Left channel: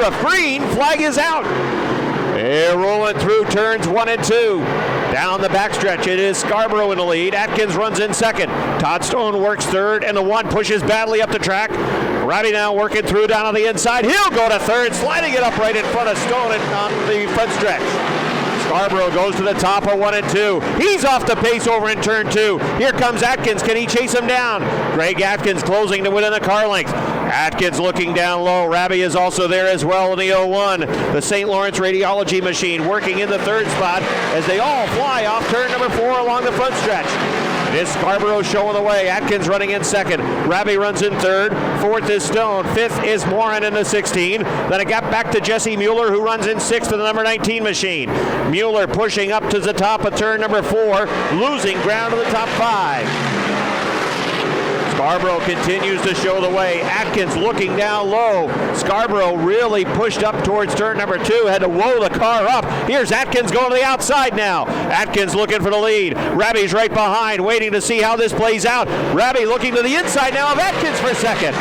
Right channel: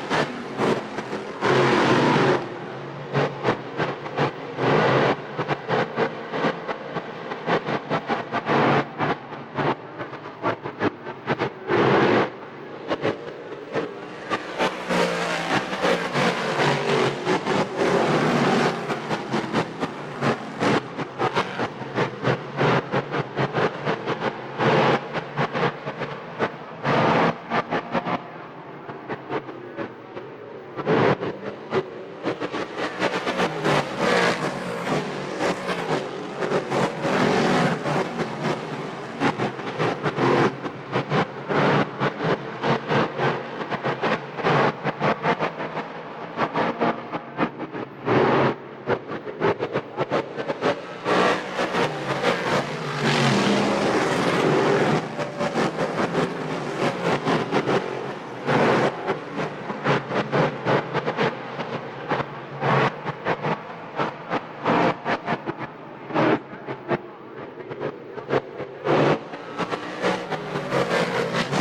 Woodruff. Green, flag is out. They're rolling through turns 1 and 2. Down the backstretch, it is Scarborough in the lead. Atkins runs in second. Todd Stone works third, and the 1 pushes badly up the track. Ravi now working through down on the inside. He'll go to third, sliding it up right in front of Stone and on the front stretch. Scarborough goes to the top of 1 and 2. He's off the pace over in turn 2. Here comes Atkins. Can he chase him down? Greg Atkins closing to win in the car length. Atkins looking down low. Ravi is also there as well in the 01. The St. Lawrence radiology machine working in the third spot as they all fly off turn number 4 along the front stretch. It is Scarborough showing the way. Atkins running in second. Ravi runs in third. Fourth is Stone. Fifth is Morin in the 16. Then it got back to Jesse Mueller, who runs in sixth in the number 19 machine. Mueller pushing up to the top of turn number 4, losing ground to the top 5. Scarborough continues to show the way. Atkins looking down low. Scarborough really pushed up towards turn number 2, had to whoa the car up. Here's Atkins going to the outside now. Atkins looking for the lead. Ravi's right behind, waiting to see how this plays out. Ravi looking to the inside now of Atkins for second.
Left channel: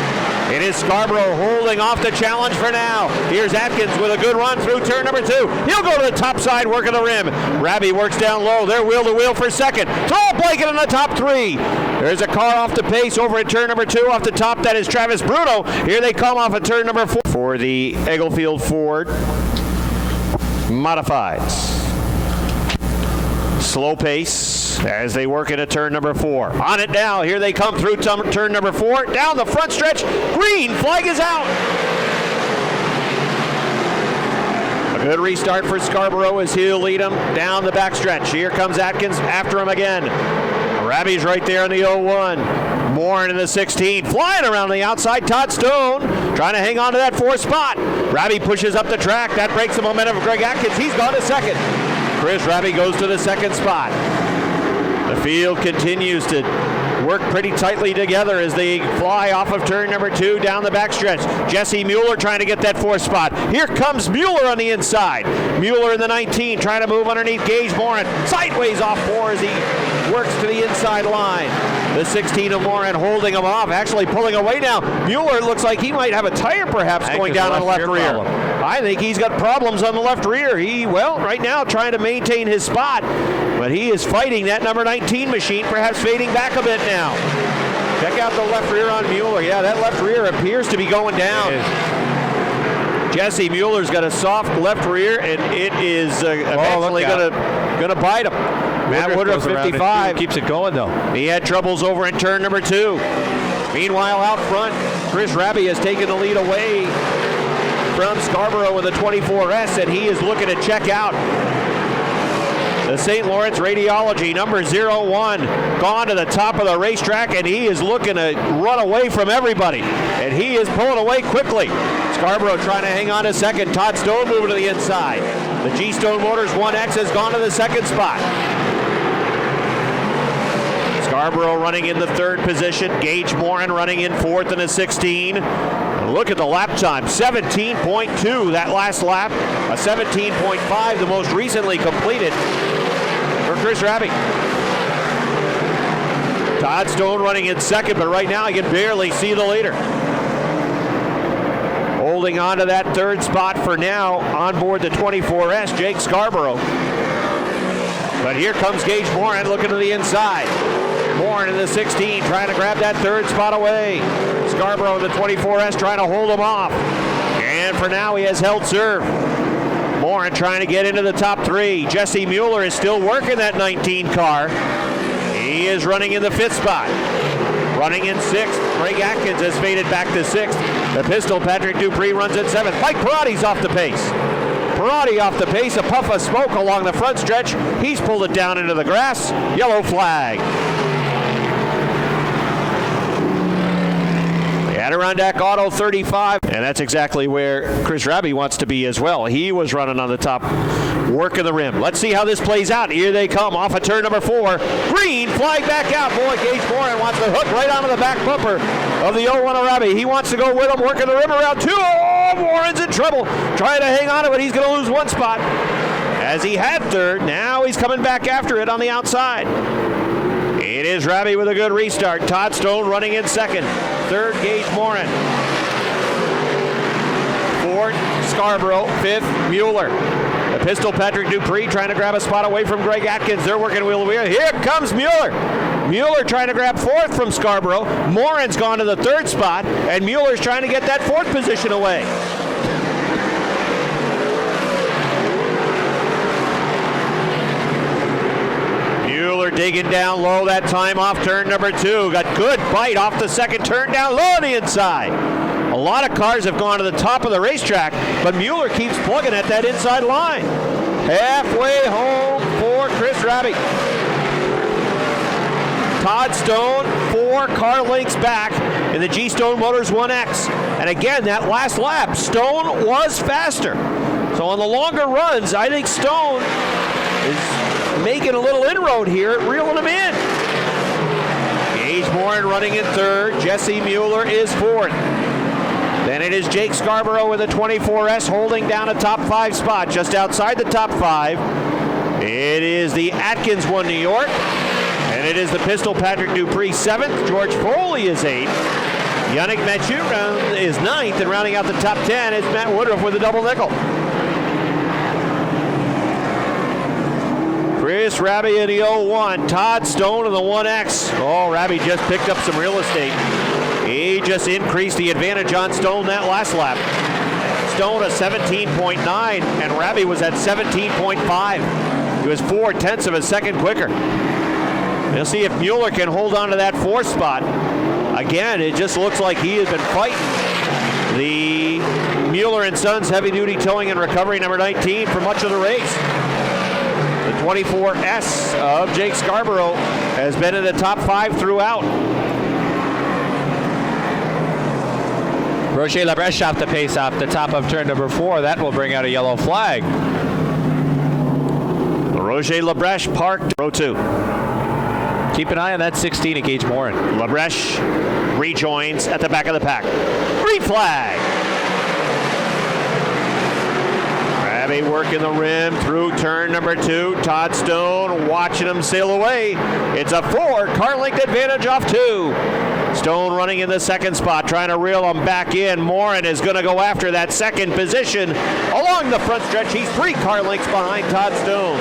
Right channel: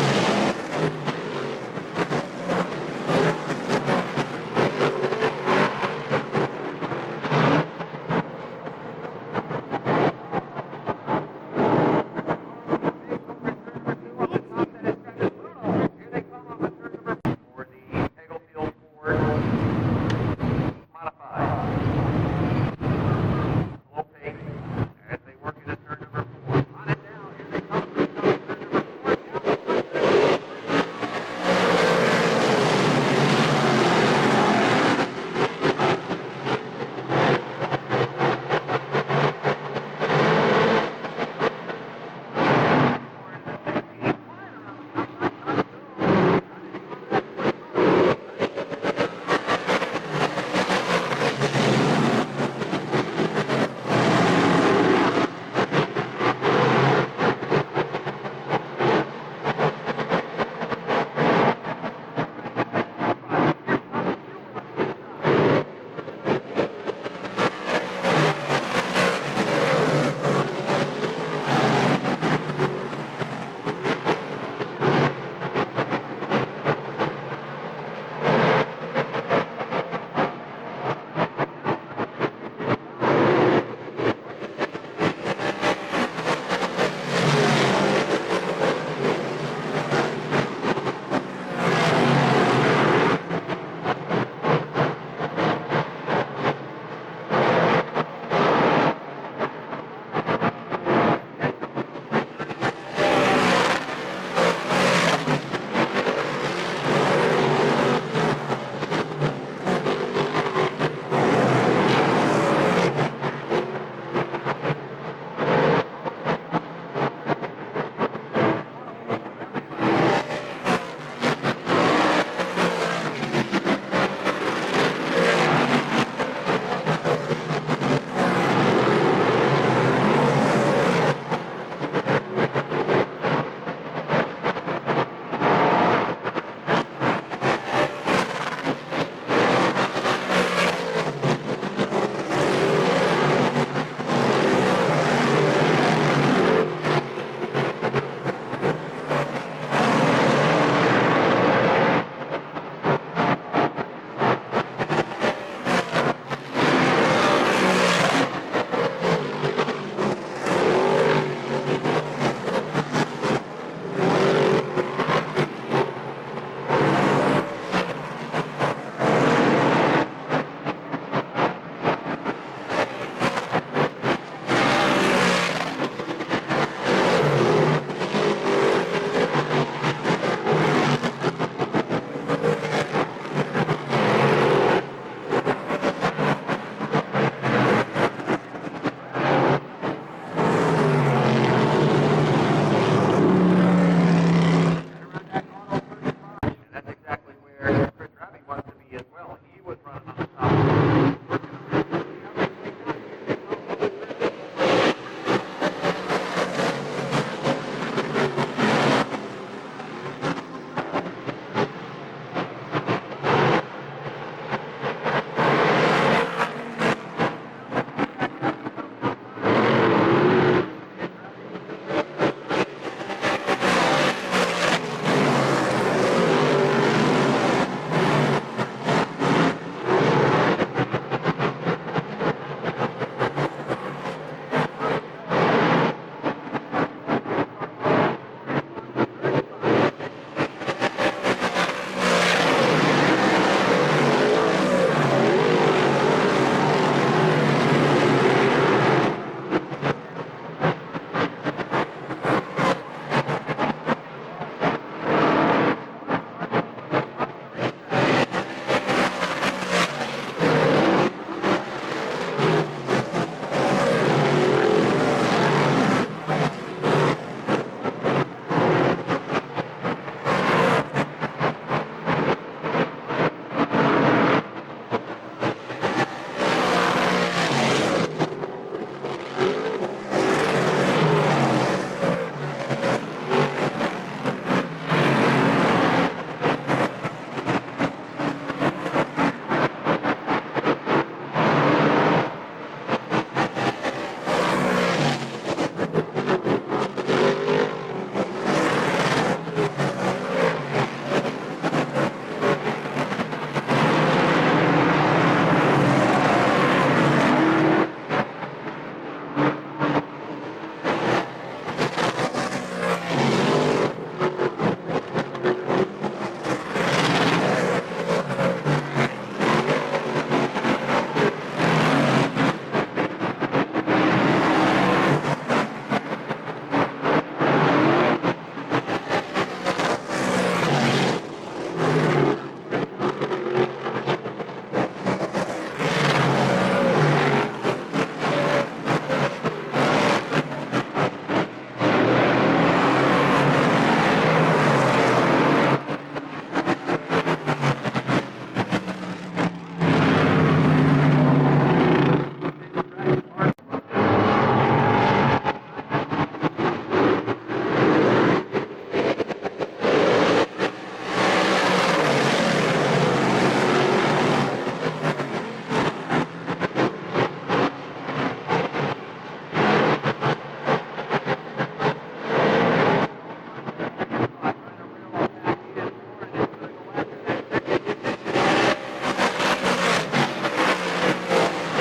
It is Scarborough holding off the challenge for now. Here's Atkins with a good run through turn number 2. He'll go to the top side, working the rim. Ravi works down low. They're wheel to wheel for second. Tall blanket in the top 3. There's a car off the pace over at turn number 2. Off the top, that is Travis Bruno. Here they come off at turn number 4 for the Eaglefield Ford Modifieds. Slow pace as they work into turn number 4. On it now. Here they come through turn number 4. Down the front stretch. Green. Flag is out. A good restart for Scarborough as he'll lead him down the backstretch. Here comes Atkins after him again. Ravi's right there in the 01. Morin in the 16. Flying around the outside. Todd Stone trying to hang on to that 4th spot. Ravi pushes up the track. That breaks the momentum of Greg Atkins. He's gone to second. Chris Ravi goes to the 2nd spot. The field continues to work pretty tightly together as they fly off of turn number 2 down the backstretch. Jesse Mueller trying to get that 4th spot. Here comes Mueller on the inside. Mueller in the 19 trying to move underneath Gage Morin. Sideways off 4 as he works to the inside line. The 16 of Morin holding him off, actually pulling away now. Mueller looks like he might have a tire perhaps going down on the left rear. I think he's got problems on the left rear. Right now trying to maintain his spot, but he is fighting that number 19 machine, perhaps fading back a bit now. Check out the left rear on Mueller. Yeah, that left rear appears to be going down. Jesse Mueller's got a soft left rear, and it is eventually going to bite him. Matt Woodruff, 55. Keeps it going, though. He had troubles over in turn number 2. Meanwhile, out front, Chris Ravi has taken the lead away from Scarborough with a 24S, and he is looking to check out. The St. Lawrence Radiology, number 01, gone to the top of the racetrack, and he is looking to run away from everybody. And he is pulling away quickly. Scarborough trying to hang on to second. Todd Stone moving to the inside. The G-Stone Motors 1X has gone to the 2nd spot. Scarborough running in the 3rd position. Gage Morin running in 4th in a 16. Look at the lap time, 17.2 that last lap. A 17.5, the most recently completed for Chris Ravi. Todd Stone running in 2nd, but right now I can barely see the leader. Holding on to that 3rd spot for now on board the 24S, Jake Scarborough. But here comes Gage Morin looking to the inside. Morin in the 16 trying to grab that 3rd spot away. Scarborough in the 24S trying to hold him off. And for now he has held serve. Morin trying to get into the top 3. Jesse Mueller is still working that 19 car. He is running in the 5th spot. Running in 6th. Greg Atkins has faded back to 6th. The pistol, Patrick Dupree, runs in 7th. Mike Peratti's off the pace. Peratti off the pace, a puff of smoke along the front stretch. He's pulled it down into the grass. Yellow flag. Adirondack Auto 35, and that's exactly where Chris Ravi wants to be as well. He was running on the top, working the rim. Let's see how this plays out. Here they come off of turn number 4. Green, flag back out. Boy, Gage Morin wants to hook right onto the back bumper of the 01 of Ravi. He wants to go with him, working the rim around 2. Oh, Morin's in trouble. Trying to hang on to it. He's going to lose 1 spot. As he had 3rd, now he's coming back after it on the outside. It is Ravi with a good restart. Todd Stone running in 2nd. 3rd, Gage Morin. 4th, pistol, Patrick Dupree trying to grab a spot away from Greg Atkins. They're working wheel to wheel. Here comes Mueller. Mueller trying to grab fourth from Scarborough. Morin's gone to the third spot, and Mueller's trying to get that fourth position away. Mueller digging down low that time off turn number 2. Got good bite off the second turn down low on the inside. A lot of cars have gone to the top of the racetrack, but Mueller keeps plugging at that inside line. Halfway home for Chris Raby. Todd Stone 4 car lengths back in the G-Stone Motors 1X. And again, that last lap, Stone was faster. So on the longer runs, I think Stone is making a little inroad here, reeling him in. Gage Morin running in third. Jesse Mueller is fourth. Then it is Jake Scarborough with a 24S holding down a top 5 spot just outside the top 5. It is the Atkins one, New York. And it is the pistol, Patrick Dupree 7th. George Foley is 8th. Yannick Mathieu is 9th. And rounding out the top 10 is Matt Woodruff with a double nickel. Chris Raby in the 01. Todd Stone in the 1X. Oh, Raby just picked up some real estate. He just increased the advantage on Stone that last lap. Stone a 17.9, and Raby was at 17.5. He was 0.4 of a second quicker. We'll see if Mueller can hold on to that 4th spot. Again, it just looks like he has been fighting the Mueller and Sons heavy-duty towing and recovery number 19 for much of the race. The 24S of Jake Scarborough has been in the top 5 throughout. Roger Labrèche off the pace off the top of turn number 4. That will bring out a yellow flag. Roger Labrèche parked row 2. Keep an eye on that 16 at Gage Morin. Labrèche rejoins at the back of the pack. Green flag. Raby working the rim through turn number 2. Todd Stone watching him sail away. It's a 4 car length advantage off 2. Stone running in the 2nd spot, trying to reel him back in. Morin is going to go after that 2nd position along the front stretch. He's 3 car lengths behind Todd Stone.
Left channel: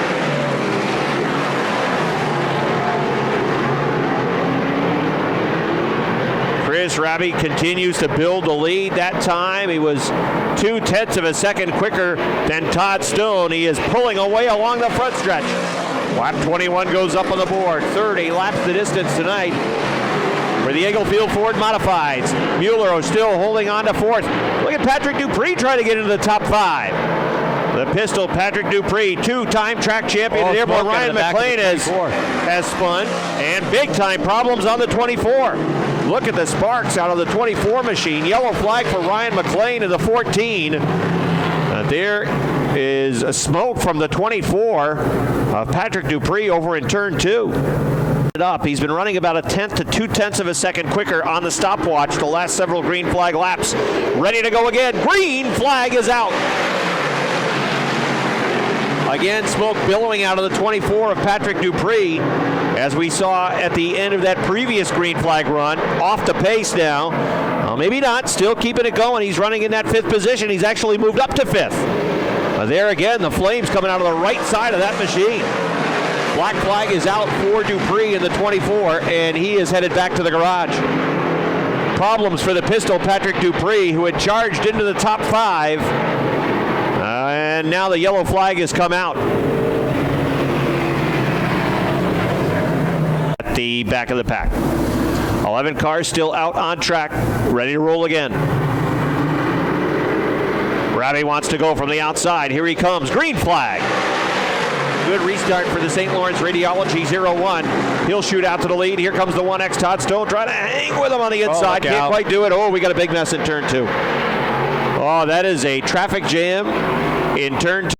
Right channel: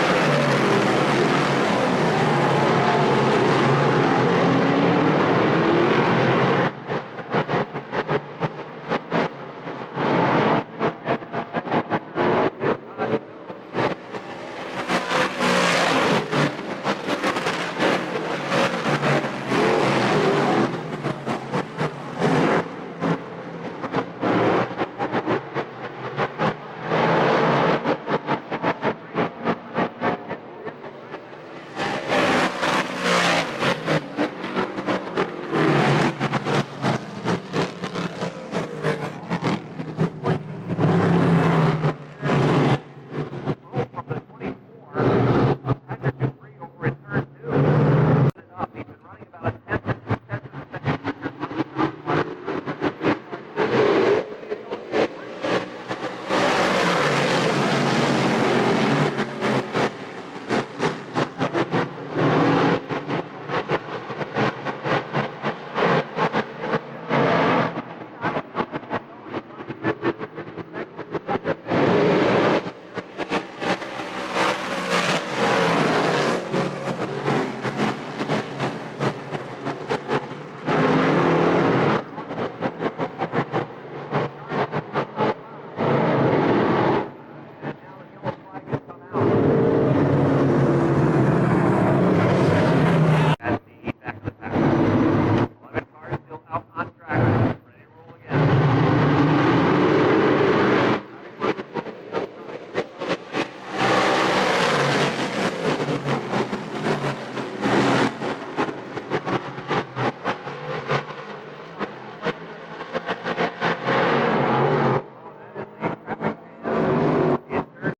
Raby continues to build the lead. That time he was 0.2 of a second quicker than Todd Stone. He is pulling away along the front stretch. Lap 21 goes up on the board. 30 laps the distance tonight for the Englefield Ford Modifieds. Mueller still holding on to 4th. Look at Patrick Dupree trying to get into the top 5. The pistol, Patrick Dupree, 2-time track champion at Airborne. Ryan McLean has spun, and big-time problems on the 24. Look at the sparks out of the 24 machine. Yellow flag for Ryan McLean in the 14. There is a smoke from the 24 of Patrick Dupree over in turn 2. He's been running about 1/10 to 2/10 of a second quicker on the stopwatch the last several green flag laps. Ready to go again. Green flag is out. Again, smoke billowing out of the 24 of Patrick Dupree, as we saw at the end of that previous green flag run. Off the pace now. Well, maybe not. Still keeping it going. He's running in that 5th position. He's actually moved up to 5th. There again, the flames coming out of the right side of that machine. Black flag is out for Dupree in the 24, and he is headed back to the garage. Problems for the pistol, Patrick Dupree, who had charged into the top 5. And now the yellow flag has come out. At the back of the pack. 11 cars still out on track, ready to roll again. Raby wants to go from the outside. Here he comes. Green flag. Good restart for the St. Lawrence Radiology 01. He'll shoot out to the lead. Here comes the 1X Todd Stone trying to hang with him on the inside. Can't quite do it. Oh, we got a big mess in turn 2. Oh, that is a traffic jam in turn 2.